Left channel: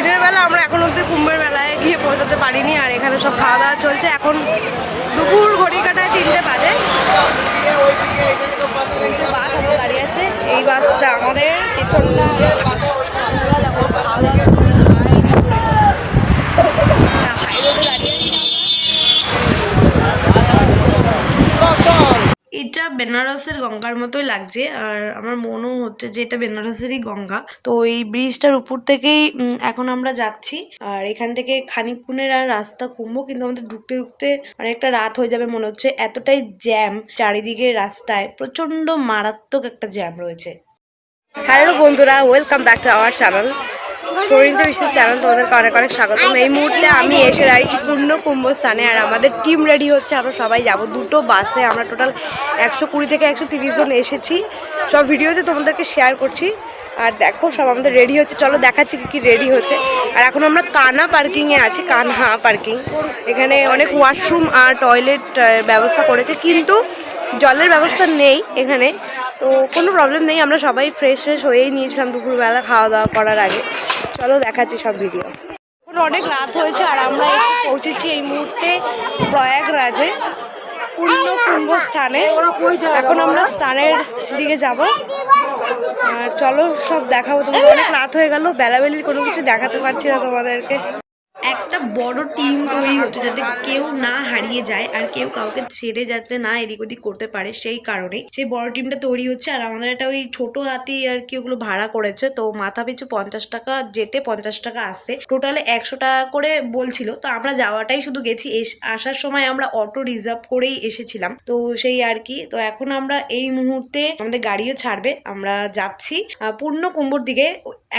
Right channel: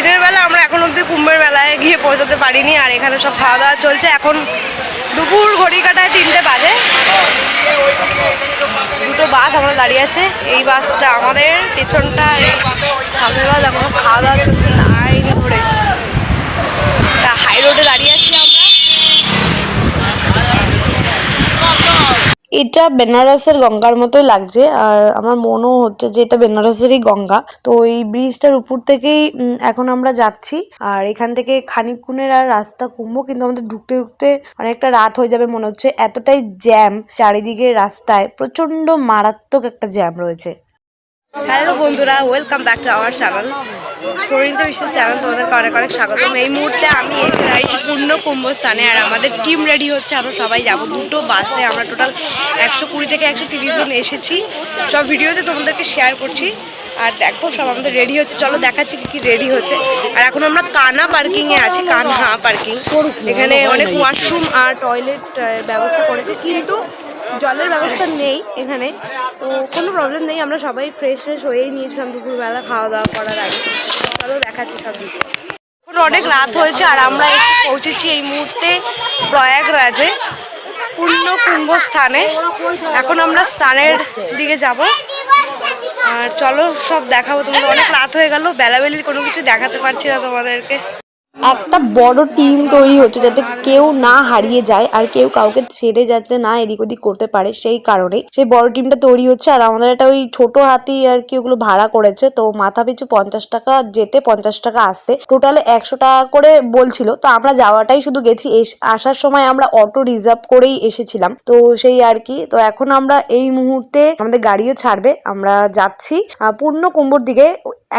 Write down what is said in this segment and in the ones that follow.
দিনের বেলা আমরা এখন অবধি কুম্ভের মেলায় গিয়ে পৌঁছাতে পারিনি, আর এখানে সব খাওয়া দাওয়া চলছে। এখন দুপুর ঘড়ি কাটায় 3টে বাজে। দুটো বাস আমরা দাঁড়িয়ে আছে, এই বাসটা আমাদের, পেছনটা সামনের বাস। এখন খাওয়া দাওয়া চলছে লাইন ধরে, হাই রোডে দাঁড়িয়ে আছি আমরা। এটা বেনারসের গঙ্গার মতোই লাগছে, আর আমার মনেও হচ্ছে যে এটা বেনারসেরই গঙ্গা। তো এই ব্রিজটার উপর থেকেই এখন আমরা যাচ্ছি, আর এখান থেকে খানিকক্ষণের আর রাস্তা কুম্ভ, কিন্তু আমাদের ঢুকতে ঢুকতে অনেকটা রাত হয়ে যাবে মনে হচ্ছে, এতটাই জ্যাম চারিদিকে। রাস্তায় প্রচন্ড মারাত্মক একটা জ্যাম রয়েছে। হ্যালো বন্ধুরা, welcome back to our channel, Parineeta বিশ্বাস চ্যানেল। তোমাদেরকে অনেক অনেক স্বাগতম। এই মুহূর্তে আমি এসে দাঁড়িয়েছি পূর্ণ কুম্ভ স্থানে, আর আমাদের টিম রেডি হচ্ছে। আমরা সবাই যাব দুটো বাসে। আমরা টোটাল 120 থেকে 130 জন এসেছি। সব ভিডিওতে তোমাদেরকে শেয়ার করছি। আর দেখো সব আমাদের রেডি হচ্ছে, চলো দেখাচ্ছি কি রেডি হচ্ছে। আর এখন আমরা কানহা পার্কিংয়ে আছি, কানহা পার্কিং। এখানে অনেক ওয়াশরুম আর টয়লেট ব্যবস্থা করেছে, কিন্তু জলের ব্যবস্থা নেই এখানে। তো কোনো প্রবলেম নেই, আমরা সবাই ফ্রেশ হয়েই নিয়েছিলাম দুপুরবেলা খাওয়া দাওয়া করার আগে। চলো দেখাচ্ছি সব ভিডিও। এখন অনেক রাত হয়েছে, আর আমরা এসে পৌঁছেছি এই মুহূর্তে প্রয়াগরাজে, পূর্ণ কুম্ভ স্থানে। এখন আমরা স্থানের দিকে যাব, আর চলো সব দেখাবো তোমাদের। অনেক রাত হয়ে গেল, বেলাবেলির কোনো কিছু দেখাতে পারছি না তোমাদেরকে। একটা বড় টিম তৈরি হচ্ছে যাতে কেউ না হারিয়ে যায়, আর কেউ কাউকে ছেড়ে যাতে না এদিক ওদিক করতে পারে, সেই কারণেই সেই বড় টিমটা তৈরি হচ্ছে। আর আমাদের একটা ওই ছোট হাতি আর কি ওগুলো ভাড়া করেছে, তো মাথা পিছু 50 টাকা যেতে, 50 টাকা আসতে, টোটালে 100 টাকা করে বলছিল। তো আমরা যাওয়াটাই শুধু গেছি, আসার সময় আমরা অটো রিজার্ভ করেই এসেছিলাম, তো সেই আর কি। তো এখন আমরা এই মুহূর্তে আমাদের গাড়িও ছাড়বে, আমরা যাচ্ছি পূর্ণ কুম্ভর দিকে।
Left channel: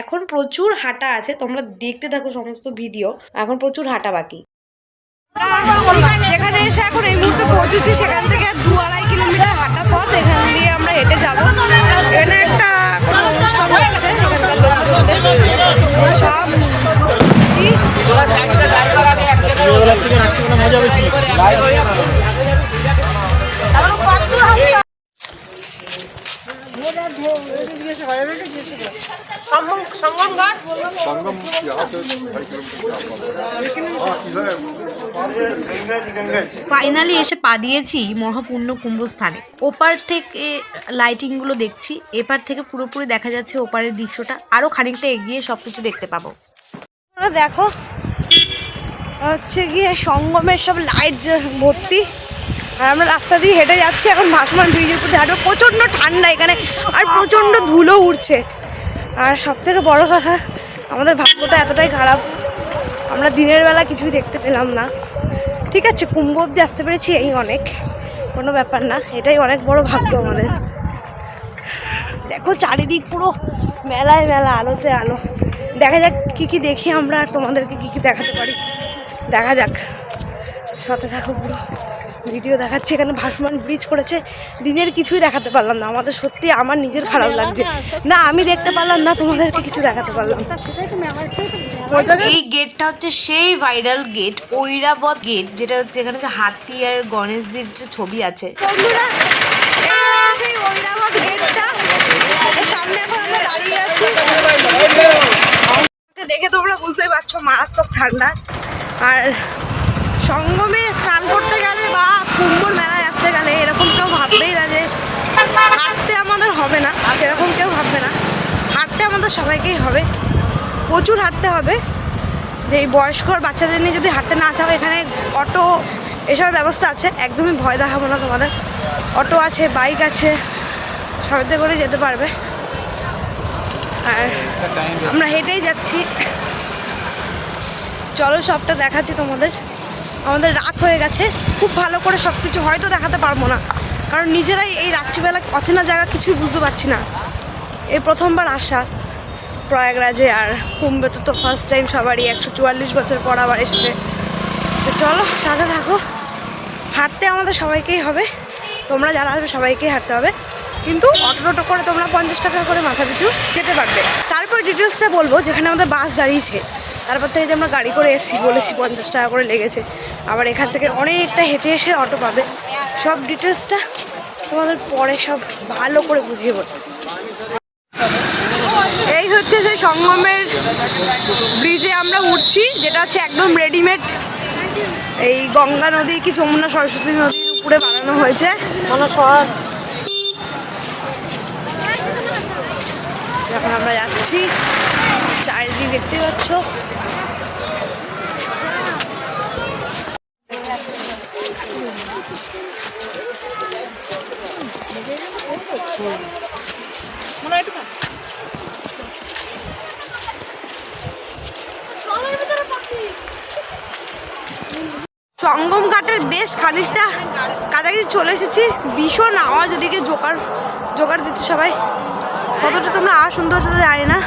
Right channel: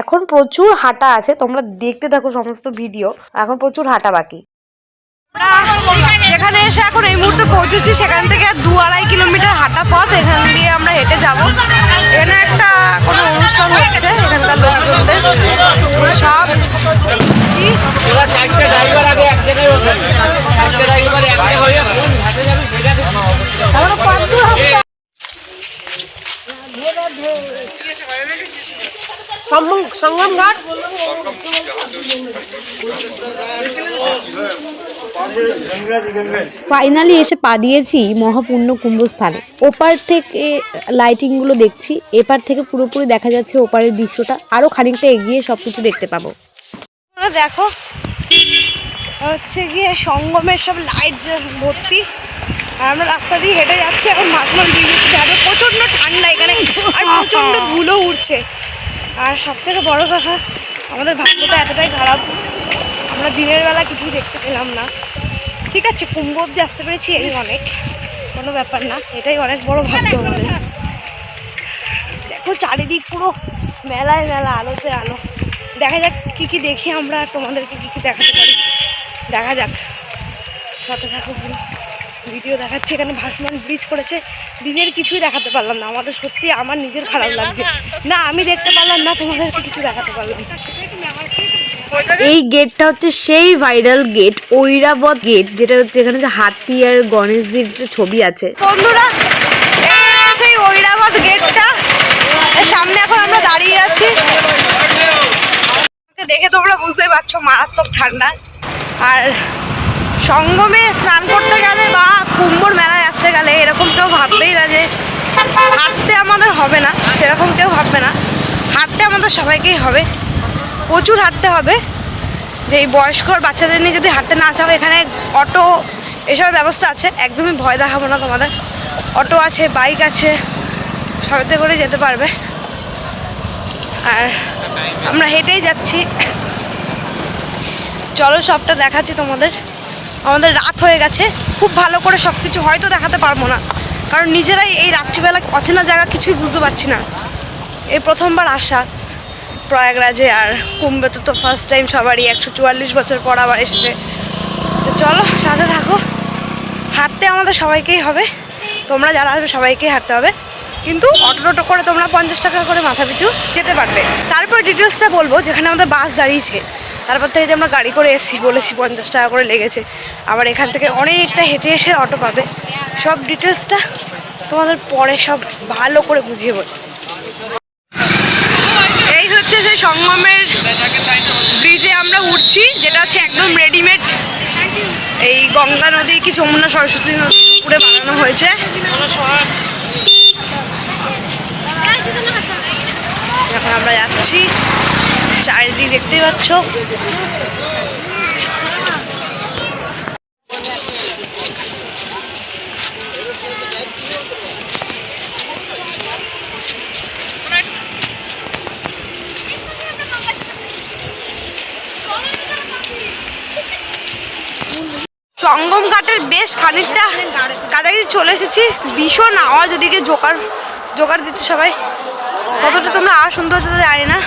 এখন প্রচুর হাঁটা আছে, তোমরা দেখতে থাকো সমস্ত ভিডিও। এখন প্রচুর হাঁটা বাকি। যেখানে এসে এখন এই মুহূর্তে পৌঁছেছি, সেখান থেকে আর 2-2.5 কিলোমিটার হাঁটা পথ। এখান দিয়ে আমরা হেঁটে যাব। এখানে একটা কোনো অনুষ্ঠান হচ্ছে, এখানকার লোকজনদের সব ফাইনালি এসে পা দিয়েছি মহাপূর্ণ কুম্ভ স্থানে। ওপার থেকে লাইটিং গুলো দেখছি, এপার থেকে পুরোপুরি দেখা যাচ্ছে ওপারের দৃশ্যটা। আরো খানিকটা এগিয়ে সবকিছু দেখতে পাবো। দেখো হচ্ছে গিয়ে সঙ্গমের সব লাইট ভর্তি, আর আমরা রাস্তা দিয়ে হেঁটে যাচ্ছি। এখন ভাসমান ব্রিজের উপর হাঁটবো। প্রচণ্ড ঠান্ডা এখানে, আর প্রচণ্ড ধুলো উঠছে। আর সব থেকে বড় কথা, আমাদের ভাগ্যটা এতটাই খারাপ, আমরা দিনের বেলা কিছুই দেখতে পেলাম না। ঠিক আছে, কুম্ভ অব্দি আসতে পেরেছি, এই অনেক, কোনো ব্যাপার না। এটাই অনেক বড় ভাগ্য আমাদের। দেখো চারিদিক পুরো মেলায় মেলা, আলোতে আলো। দেখা যাক কী কী দেখি আমরা, আর তোমাদেরকে কী কী দেখাতে পারি দেখা যাক। সাথে থাকো, পুরো ভিডিও দেখাচ্ছি। এখানে ভাসমান ব্রিজ করেছে, দিনের কিছুই দেখাতে পারলাম না। আমাদের সত্যি, আমার নিজের খারাপ লাগছে না, আমি দেখতে পারলাম না, তোমাদেরকে কিছু দেখাতে পারলাম। এই গেটটা হচ্ছে সেই ভাইরাল গেট, ঐরাবত গেট, যেটা হচ্ছে এখানে যে হাতি আর গণেশজির ছবি আছে। বন্ধুরা, সেই ঐরাবত গেটটা সামনে এখন আমরা দাঁড়িয়ে আছি। দেখে তোমরা বুঝতেই পারছো মারাত্মক ঠান্ডা। আর সঙ্গমে স্নান করতে গেলে বা কুম্ভর মেলায় আসতে গেলে এরকম কেউ ভাববেই না যে হাঁটতে আমাদের হবে না, সেরকম কেউ ভাববে না। হাঁটতে আমাদের সবাইকেই হবে, প্রচুর হাঁটতে হবে। যে এই বয়স্ক বাচ্চাদের নিয়ে যদি হাঁটতে না চাও, এখানে অটো এসবের ব্যবস্থা আছে, একদমই ভয় দেখাবো না তোমাদের। অটো আছে, বাইক আছে, সবাইতে করে যেতে পারবে। আর আমরা হেঁটেই যাচ্ছি, চলো সবটা দেখাচ্ছি তোমাদের। আমাদের রাত হয়ে গেছে, খুব ভালো করে সব কিছু হয়তো দেখাতে পারবো না, কারণ নিজেরাই এই রাত্রিবেলা অচেনা জায়গা কিছুই বুঝতে পারছি না। এই প্রথমবার আসা প্রয়াগরাজে, আর কুম্ভে তো ফার্স্ট টাইম সবারই। 144 বছর পর আবার এসেছে। তো চলো সাথে থাকো। হাঁটতে আমাদের সবাইকেই হবে, তোমরা যারা আসবে সবাইকেই হাঁটতে হবে, কিন্তু অটো করে তোমরা 50 টাকা করে মাথা পিছু যেতে পারবে। তারপর ডিটেলসটা বলবো। যেখানে আমাদের বাস দাঁড়িয়েছে, তারপর থেকে যে আমরা গাড়ি করে এসেছি, বলেছি 50 টাকা করে লেগেছে। আবার এখান থেকে অনেকটা হেঁটে এসে অটো পাবে। সব ডিটেলসটা তোমাদের পরে সব ভালো করে বুঝিয়ে বলবো। এই হচ্ছে সেই সঙ্গমের ব্রিজে আমরা উঠছি, যেটা হচ্ছে একদম রেডিমেড এই গঙ্গা নদী কি যমুনা সরস্বতী নদীর উপরে বানানো হয়েছে। এখন আমরা যাচ্ছি, চারিদিক দেখতেই পাচ্ছ। সঙ্গম ঘাটের বেশ খানিকটা কাছাকাছি চলে এসেছি। ভীষণ আওয়াজ, ওদিকে জোগাড় দিচ্ছে সবাই। কতটা তোমরা আওয়াজ শুনতে হচ্ছে জানি না।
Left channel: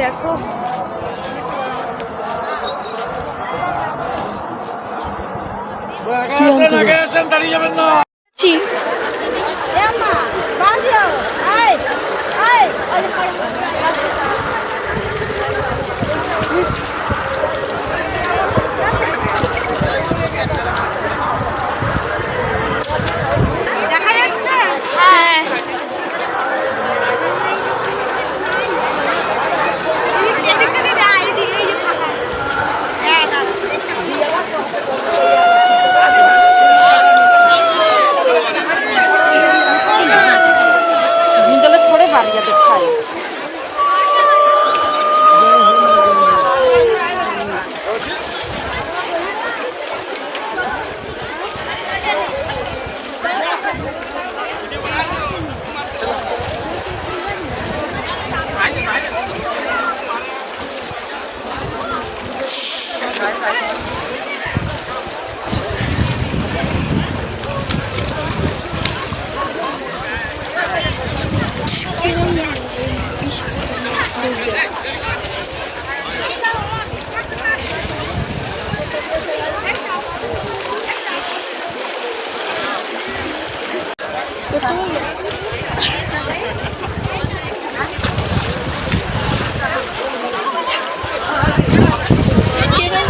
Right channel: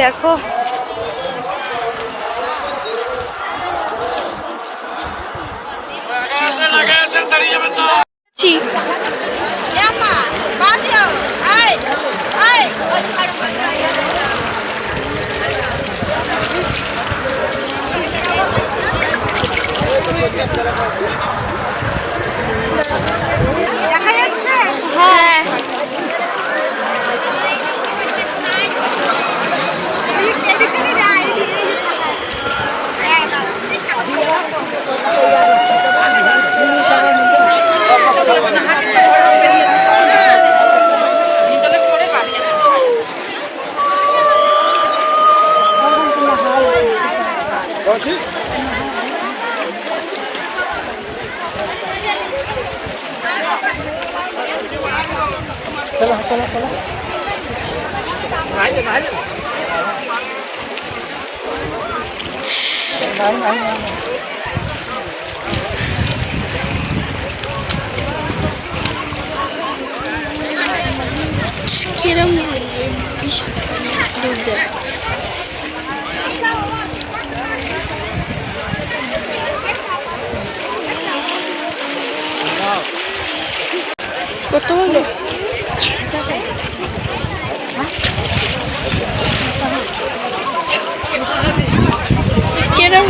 দেখো দেখা যাচ্ছে। হ্যাঁ, কিরম দুধ দেয়। কত হলো? কিরম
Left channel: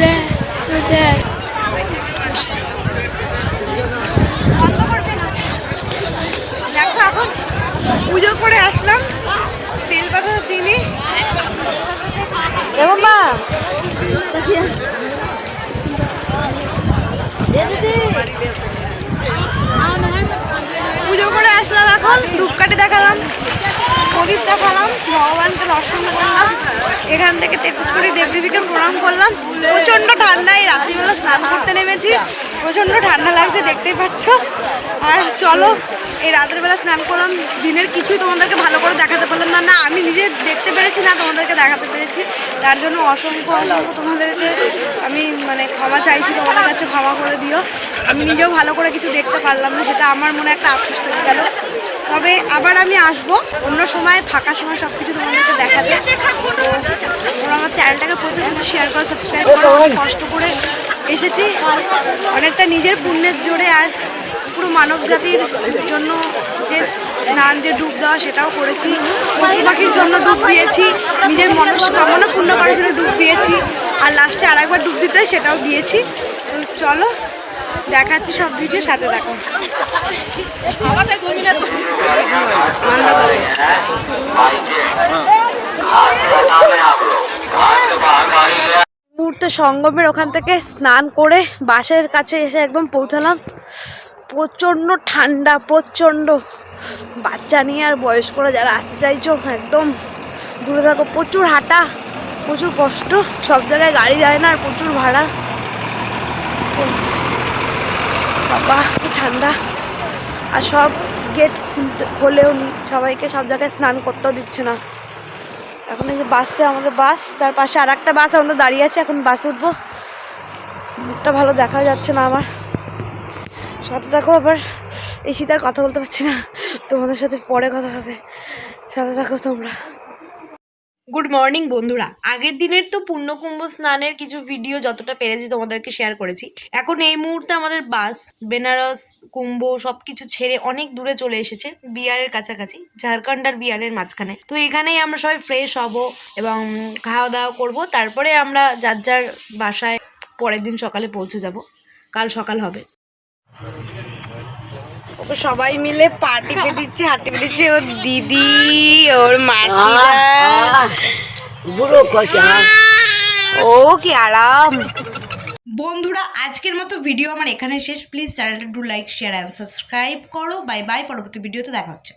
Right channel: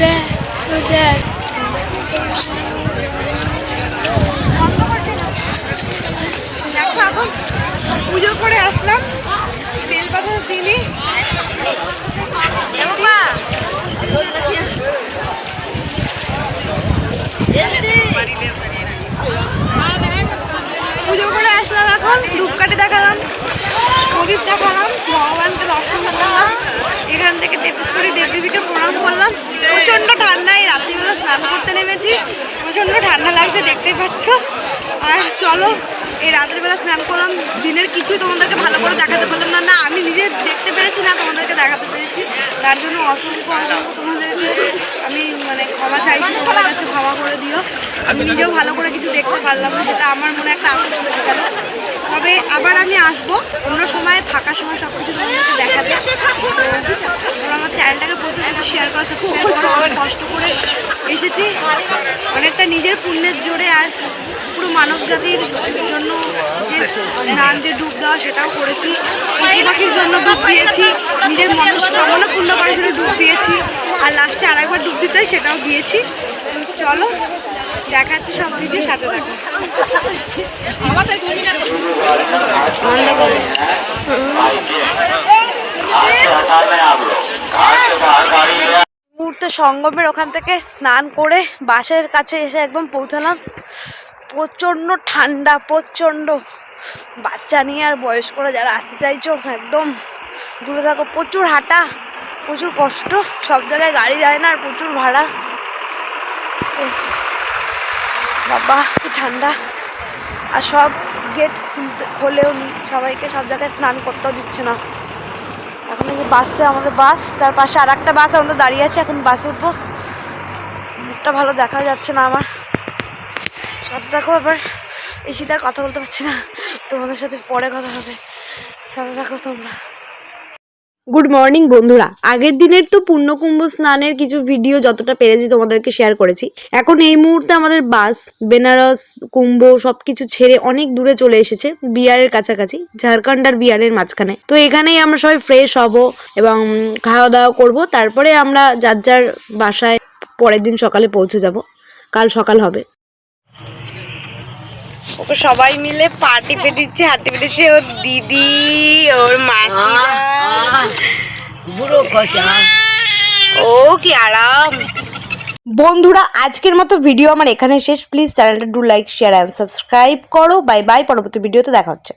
দেখ বন্ধ করবে না। দেখো এখন পুজো করে আসলাম, বেলপাতা দিনে পুজো করে আসলাম। এখন ধূপকাঠি দেখালাম, প্রদীপ দেখালাম, ভগবানকে দর্শন করলাম। এখান থেকে 33 কোটি দেবদেবীকে প্রণাম করলাম। প্রচণ্ড ঠান্ডায় রাত্রিবেলা স্নান করতে নেমেছি, প্রচণ্ড ঠান্ডা লাগছে দেখতেই পাচ্ছ। আর চলো, এই রাতের বেলা স্নান করলাম, দিনের কিছুই তোমাদেরকে ভালো করে দেখাতে পারলাম না। না আমি নিজে দেখতে পেরেছি, না তোমাদেরকে দেখাতে পেরেছি। তার জন্য অসংখ্য তোমাদেরকে আমি ক্ষমা চাইছি, তোমাদের কাছে ক্ষমা করে দিও। আমি নিজেও ভালো করে কিছু দেখতে পারলাম না, যেটা আমার মনে একটা আফসোস থেকে গেল। তবে আবার আমি আসবো অন্য সময়, ফাঁকা সময় সব কিছু তোমাদেরকে দেখাতে। তো তোমরা আমার চ্যানেলটাকে প্রচুর শেয়ার করো, সাবস্ক্রাইব করো। অনেক কষ্ট করে এসেছি, অনেকটা নিজের পুণ্যের জোরে, আর পুরো মানব জাতির জন্য যে স্নান, যে ডুব দেওয়া, সেটাও করেছি। পশু পাখির জন্য ডুব দিয়েছি, নিজের মনস্কামনা পূর্ণ করার জন্য ডুব দিয়েছি, আর লাস্টে আরেকবার ডুব দিতে হয় সেটাও দিয়েছি। চলো দেখাচ্ছি সব ভিডিও, সাথে থাকো। মুহূর্তে সঙ্গমের ওখান থেকে স্নান করে বাসের কাছে এসে একদম পৌঁছালাম। প্রচণ্ড ঠান্ডা, প্রচণ্ড। বাচ্চা নিয়ে আর বয়স্করা যারা আসতে চাইছো একদম দূরে থাকো। প্রচুর হাঁটা, প্রচুর কষ্ট, সব জায়গায় গাড়ি যায় না, আর প্রচুর ভাড়া। বাবা কি ঠান্ডা। আর সব গেট খোলেও নি, সবাইকে সব জায়গায় স্নান করতেও দিচ্ছে না। এখন এই যে বাসে, আমাদের বাস, তার পাশে আর একটা বাস আমাদের দাঁড়িয়ে আছে। এখন বাসে উঠবো। মুখটা ভালো দেখা যাচ্ছে না আমার, সাথে থাকো। আবার এই শীত আর কথা বলতে পারছি না, তোমাদের সাথে পরে কথা হবে, সাথে থাকো তোমরা। গুড মর্নিং বন্ধুরা। আগের দিনের তো পূর্ণকুম্ভ স্নানের কিছু ভিডিও যতটা পেরেছি তোমাদেরকে শেয়ার করেছি। এখন এই মুহূর্তে আমাদের বাস বেনারস কুম্ভ সবকিছু ছেড়ে অনেক দূরে চলে এসেছে, বিহারের কাছাকাছি, ঝাড়খণ্ড আর বিহারের মাঝখানে। তো এখানেই আমরা সবাই ফ্রেশ হব এবং খাওয়া দাওয়া করব, তারপরে আমরা যার যার বাসায় পরের দিন সকালে পৌঁছে যাব। কাল সকাল হবে। ওকে সবাই মিলে পার্টি দিচ্ছে, হাঁটি দিচ্ছে, ওর দিদি, ওর মাসিরা। ও কি আরাম। বন্ধুরা আজকের মতো ভিডিও আমার এখানে শেষ। প্লিজ চ্যানেলটা do like share and subscribe করো। বাই বাই, পরবর্তী ভিডিওতে দেখা হচ্ছে।